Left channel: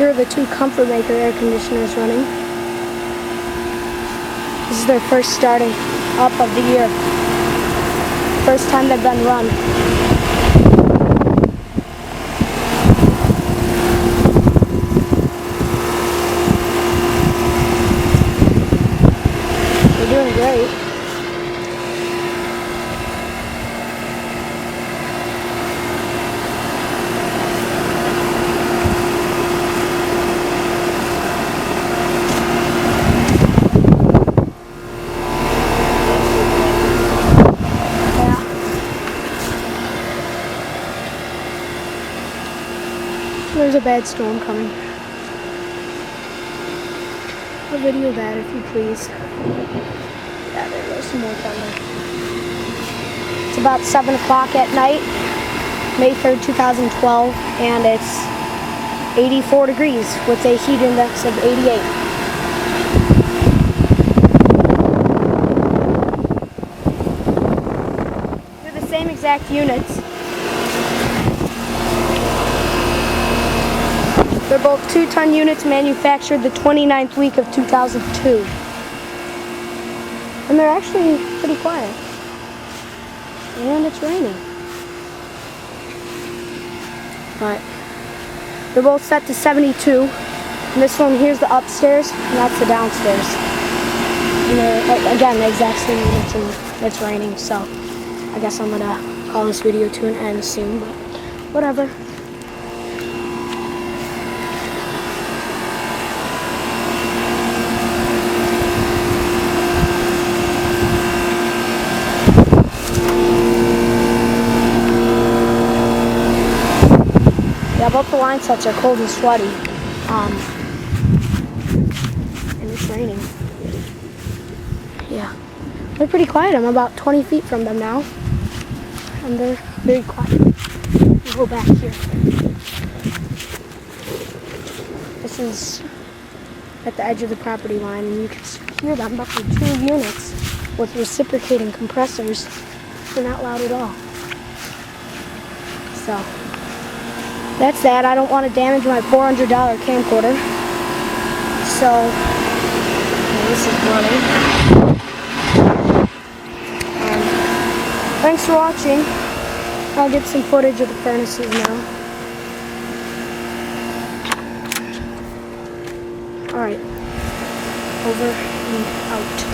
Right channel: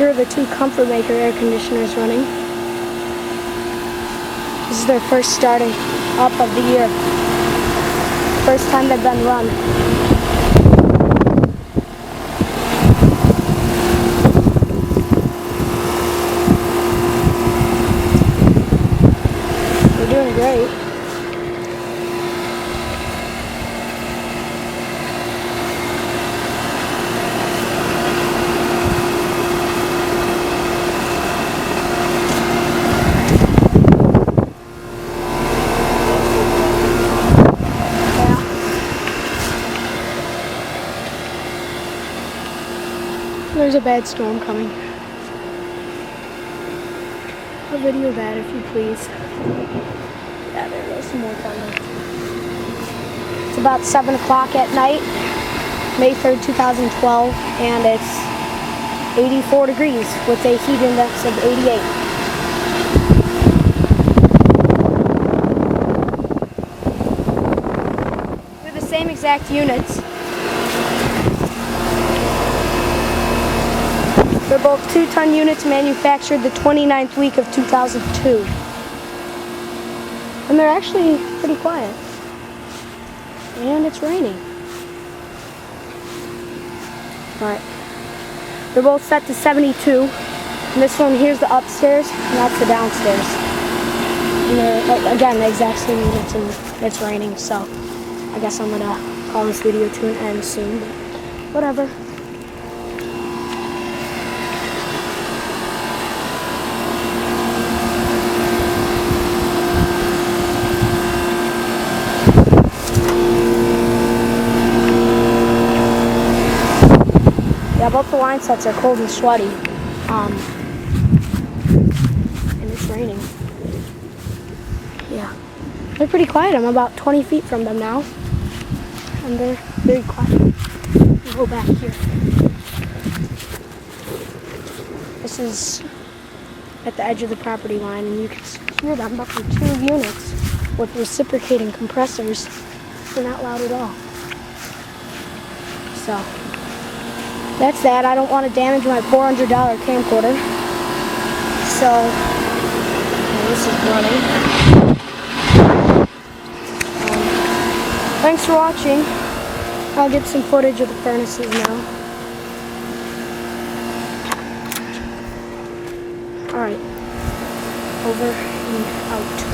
Here are the two Comfortmaker air conditioners running. This is their first starting up of the year. First time they've been run. They're doing great. There's a bad storm coming. I'll video that if you please. Yeah, there goes some more thunder. It's about 7 o'clock at night, May 3rd, 2012, and it's 84 degrees with a heat index of 88. They're the same exact units. They're both 2-ton units manufactured the 29th week of 2002. And they're actually pretty quiet. And it's raining. Alright. They're both set to 72. And this one here's the upstairs, and that's the downstairs. And they're, again, the exact same units, and it's raining, so I guess I'm gonna call this video to an end soon, but whatever. Yeah, both the line sets are cold and sweaty, and it's raining. Yeah, they're pretty quiet. I'm about 20 feet from them now, and they're very quiet. I'll go back here. This is at the edge of the property line, and you can hear them, but for 2 units with reciprocating compressors, they're not loud at all. So that's that. I don't want to damage my $400 camcorder. So, this is running. Thanks for watching. I'll get some footage of the furnaces now. Alright. Over and out.